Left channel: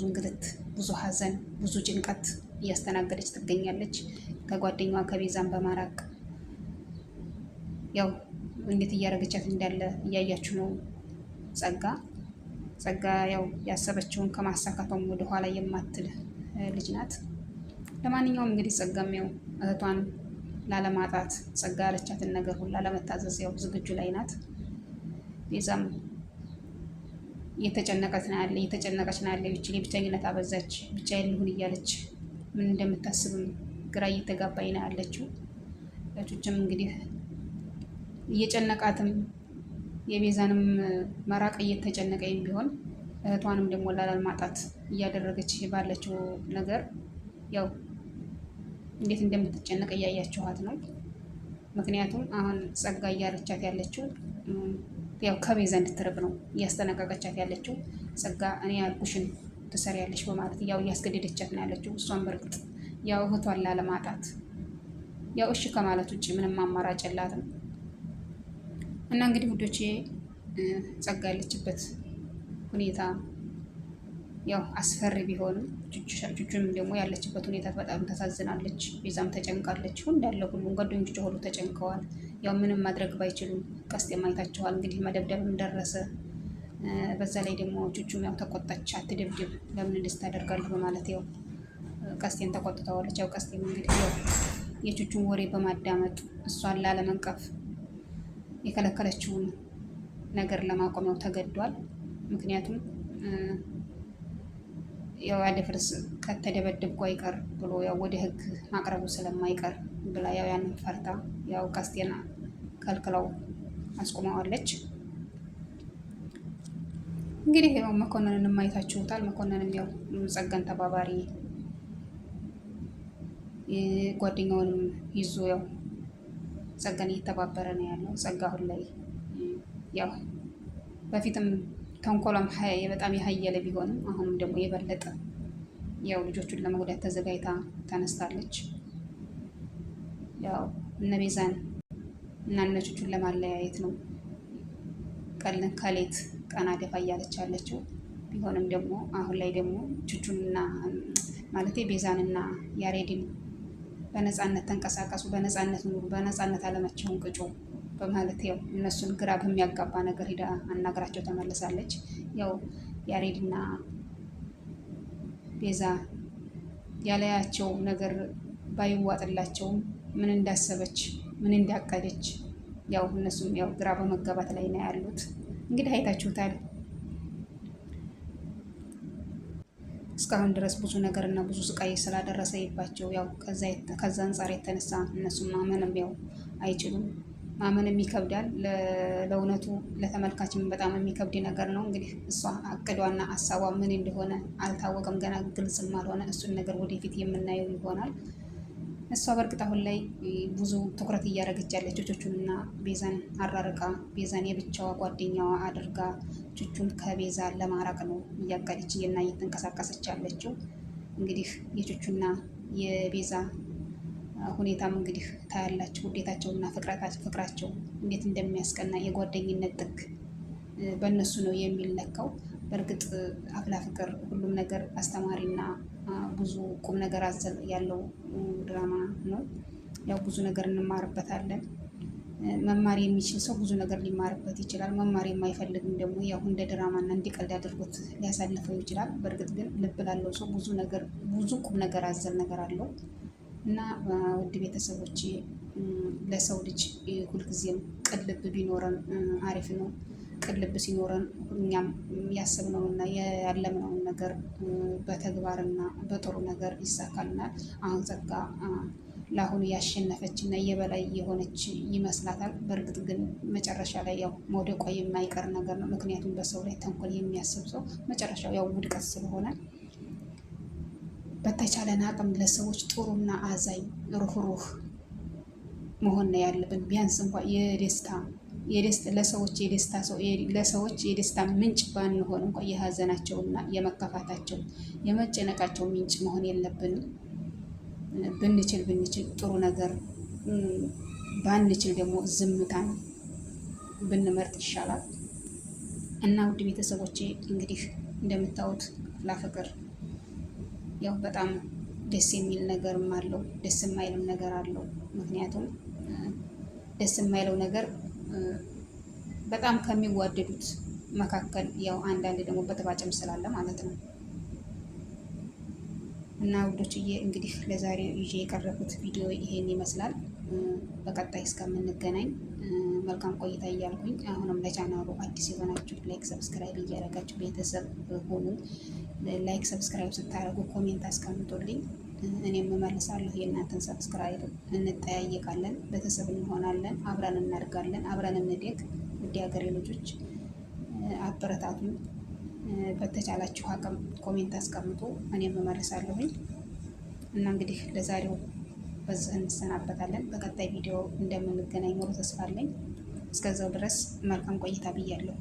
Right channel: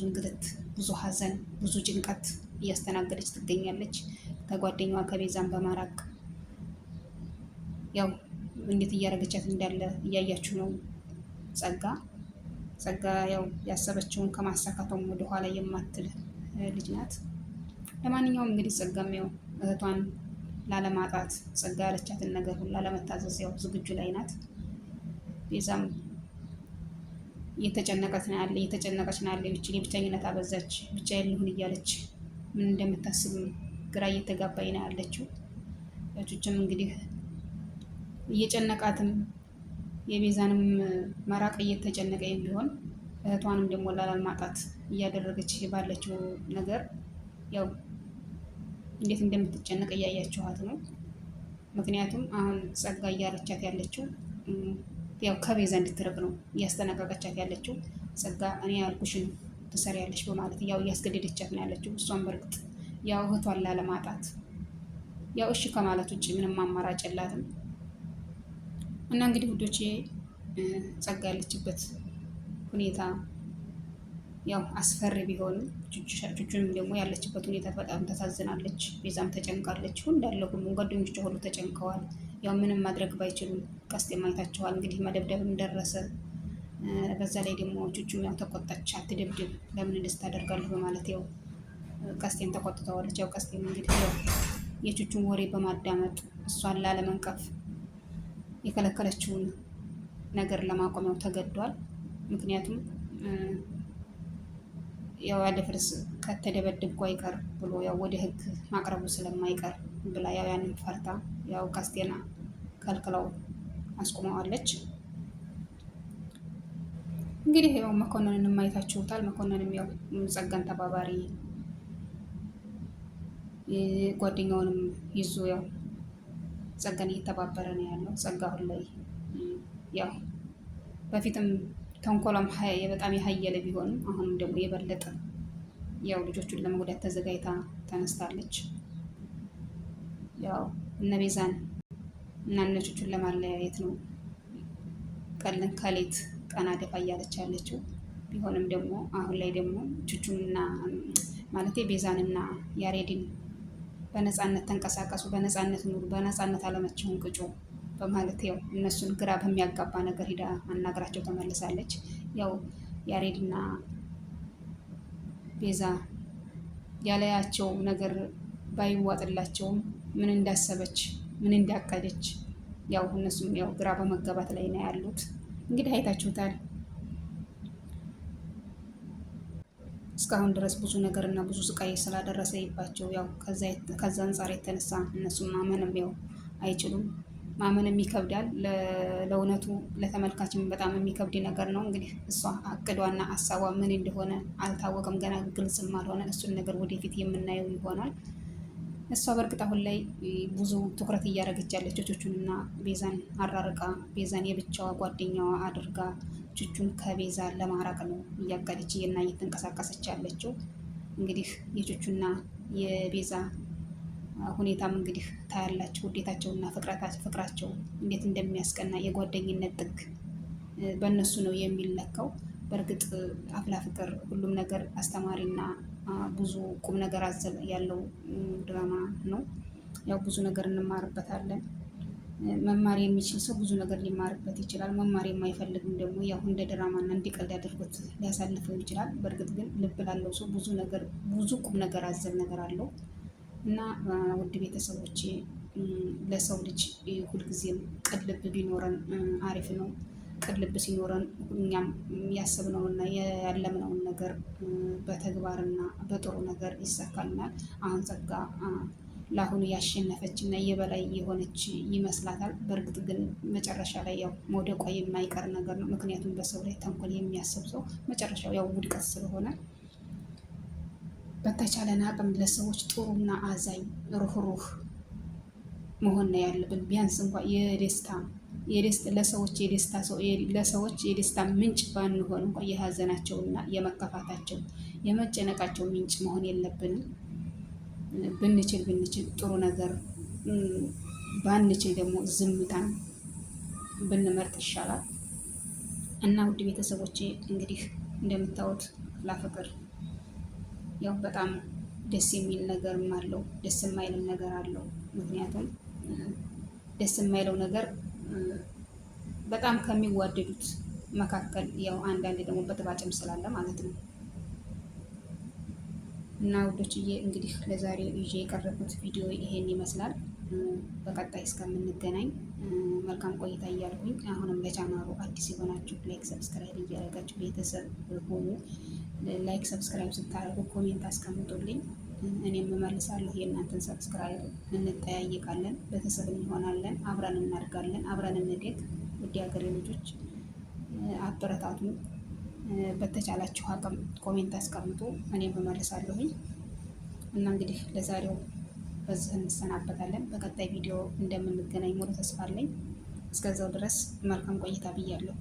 ብዙ እንግልት፣ ብዙ ሀዘን፣ ብዙ ጭንቀት እያስተናገደች ትገኛለች። ከጓደኛዋ ከቤዛን በማራቅ ያው እንዴት እያደረገቻት እንዳለ እያያችሁ ነው። ጸጋ ያው ያሰበችውን ከማሳካቷም ወደኋላ የማትል ልጅ ናት። ለማንኛውም እንግዲህ ጸጋም ያው እህቷን ላለማጣት ጸጋ ያለቻትን ነገር ሁላ ለመታዘዝ ያው ዝግጁ ላይ ናት። ቤዛም እየተጨነቀች ነው ያለች። ብቸኝነት አበዛች፣ ብቻዬን ልሁን እያለች ምን እንደምታስብም ግራ እየተጋባኝ ነው ያለችው። ቹችም እንግዲህ እየጨነቃትም የቤዛንም መራቅ እየተጨነቀኝ ቢሆን እህቷንም ደግሞ ላለማጣት እያደረገች ባለችው ነገር ያው እንዴት እንደምትጨነቅ እያያችኋት ነው። ምክንያቱም አሁን ጸጋ እያለቻት ያለችው ያው ከቤዛ እንድትርቅ ነው እያስጠነቀቀቻት ያለችው። ጸጋ እኔ ያልኩሽን ትሰሪያለሽ በማለት ያው እያስገደደቻት ነው ያለችው። እሷን በርግጥ ያው እህቷን ላለማጣት ያው እሺ ከማለት ውጭ ምንም አማራጭ የላትም። እና እንግዲህ ውዶቼ ጸጋ ያለችበት ሁኔታ ያው አስፈሪ ቢሆንም ቹቹንም ደግሞ ያለችበት ሁኔታ በጣም ተሳዝናለች። ቤዛም ተጨንቃለች። እንዳለ ሁሉም ጓደኞቿ ሁሉ ተጨንቀዋል። ያው ምንም ማድረግ ባይችሉም ቀስቴም አይታችኋል እንግዲህ መደብደብም ደረሰ። በዛ ላይ ደግሞ ቹቹም ያው ተቆጣች። አትደብድብ፣ ለምን እንደዚህ ታደርጋለህ በማለት ያው ቀስቴን ተቆጥተዋለች። ያው ቀስቴም እንግዲህ የቹቹን ወሬ በማዳመጥ እሷን ላለመንቀፍ የከለከለችውን ነገር ለማቆም ያው ተገዷል። ምክንያቱም ያው ያደፍርስ ከተደበደብኩ አይቀር ብሎ ያው ወደ ሕግ ማቅረቡ ስለማይቀር ብላ ያው ያንን ፈርታ ያው ቀስቴና ከልክለው አስቆመዋለች። እንግዲህ ያው መኮንንንም አይታችሁታል። መኮንንም ያው ጸጋን ተባባሪ ጓደኛውንም ይዞ ያው ጸጋን እየተባበረ ነው ያለው። ጸጋ አሁን ላይ ያው በፊትም ተንኮሏም በጣም የሀየለ ቢሆንም አሁንም ደግሞ የበለጠ ያው ልጆቹን ለመጉዳት ተዘጋጅታ ተነስታለች። ያው እነ ቤዛን እና እነ ቹቹን ለማለያየት ነው ቀልን ከሌት ቀና ደፋ እያለች ያለችው። ቢሆንም ደግሞ አሁን ላይ ደግሞ ቹቹንና ማለቴ ቤዛንና ያሬድን በነፃነት ተንቀሳቀሱ፣ በነፃነት ኑሩ፣ በነፃነት አለማቸውን ቅጩ በማለት ያው እነሱን ግራ በሚያጋባ ነገር ሂዳ አናግራቸው ተመልሳለች። ያው ያሬድና ቤዛ ያለያቸው ነገር ባይዋጥላቸውም ምን እንዳሰበች ምን እንዳቀደች ያው እነሱም ያው ግራ በመጋባት ላይ ነው ያሉት። እንግዲህ አይታችሁታል። እስካሁን ድረስ ብዙ ነገር እና ብዙ ስቃይ ስላደረሰባቸው ያው ከዛ አንጻር የተነሳ እነሱም ማመንም ያው አይችሉም። ማመንም ይከብዳል። ለእውነቱ ለተመልካችም በጣም የሚከብድ ነገር ነው። እንግዲህ እሷ አቅዷና ሀሳቧ ምን እንደሆነ አልታወቀም፣ ገና ግልጽም አልሆነ። እሱን ነገር ወደፊት የምናየው ይሆናል። እሷ በእርግጥ አሁን ላይ ብዙ ትኩረት እያደረገች ያለችው ቹቹንና ቤዛን አራርቃ ቤዛን የብቻዋ ጓደኛዋ አድርጋ ቹቹን ከቤዛ ለማራቅ ነው እያቀደች እና እየተንቀሳቀሰች ያለችው። እንግዲህ የቹቹና የቤዛ ሁኔታም እንግዲህ ታያላችሁ። ውዴታቸውና ፍቅራቸው እንዴት እንደሚያስቀና የጓደኝነት ጥግ በእነሱ ነው የሚለካው። በእርግጥ አፍላ ፍቅር ሁሉም ነገር አስተማሪና ብዙ ቁም ነገር አዘል ያለው ድራማ ነው። ያው ብዙ ነገር እንማርበታለን። መማር የሚችል ሰው ብዙ ነገር ሊማርበት ይችላል። መማር የማይፈልግም ደግሞ ያው እንደ ድራማና እንዲቀልድ አድርጎት ሊያሳልፈው ይችላል። በእርግጥ ግን ልብ ላለው ሰው ብዙ ቁም ነገር አዘል ነገር አለው እና ውድ ቤተሰቦቼ ለሰው ልጅ ሁልጊዜም ቅን ልብ ቢኖረን አሪፍ ነው። ቅን ልብ ሲኖረን እኛም ያሰብነውና ያለምነውን ነገር በተግባርና በጥሩ ነገር ይሳካልናል። አሁን ጸጋ ለአሁኑ ያሸነፈች እና የበላይ የሆነች ይመስላታል። በእርግጥ ግን መጨረሻ ላይ ያው መውደቋ የማይቀር ነገር ነው። ምክንያቱም በሰው ላይ ተንኮል የሚያስብ ሰው መጨረሻው ያው ውድቀት ስለሆነ በተቻለን አቅም ለሰዎች ጥሩና አዛኝ ሩህሩህ መሆን ነው ያለብን። ቢያንስ እንኳን ለሰዎች የደስታ ምንጭ ባንሆን እንኳን የሀዘናቸውና የመከፋታቸው የመጨነቃቸው ምንጭ መሆን የለብንም። ብንችል ጥሩ ነገር ባንችል ደግሞ ዝምታን ብንመርጥ ይሻላል። እና ውድ ቤተሰቦቼ እንግዲህ እንደምታዩት ፍቅር ያው በጣም ደስ የሚል ነገርም አለው፣ ደስ የማይልም ነገር አለው። ምክንያቱም ደስ የማይለው ነገር በጣም ከሚዋደዱት መካከል ያው አንዳንድ ደግሞ በተባጭም ስላለ ማለት ነው። እና ውዶችዬ እንግዲህ ለዛሬው ይዤ የቀረቡት ቪዲዮ ይሄን ይመስላል። በቀጣይ እስከምንገናኝ መልካም ቆይታ እያልኩኝ አሁንም ለቻናሉ አዲስ የሆናችሁ ላይክ ሰብስክራይብ እያደረጋችሁ ቤተሰብ ሆኑ። ላይክ ሰብስክራይብ ስታደርጉ ኮሜንት አስቀምጡልኝ፣ እኔም እመልሳለሁ የእናንተን ሰብስክራይብ። እንጠያየቃለን፣ ቤተሰብ እንሆናለን፣ አብረን እናድጋለን፣ አብረን እንደግ። ውድ ሀገሬ ልጆች አበረታቱኝ። በተቻላችሁ አቅም ኮሜንት አስቀምጡ፣ እኔም እመልሳለሁኝ። እና እንግዲህ ለዛሬው በዚህ እንሰናበታለን። በቀጣይ ቪዲዮ እንደምንገናኝ ሙሉ ተስፋ አለኝ። እስከዛው ድረስ መልካም ቆይታ ብያለሁ።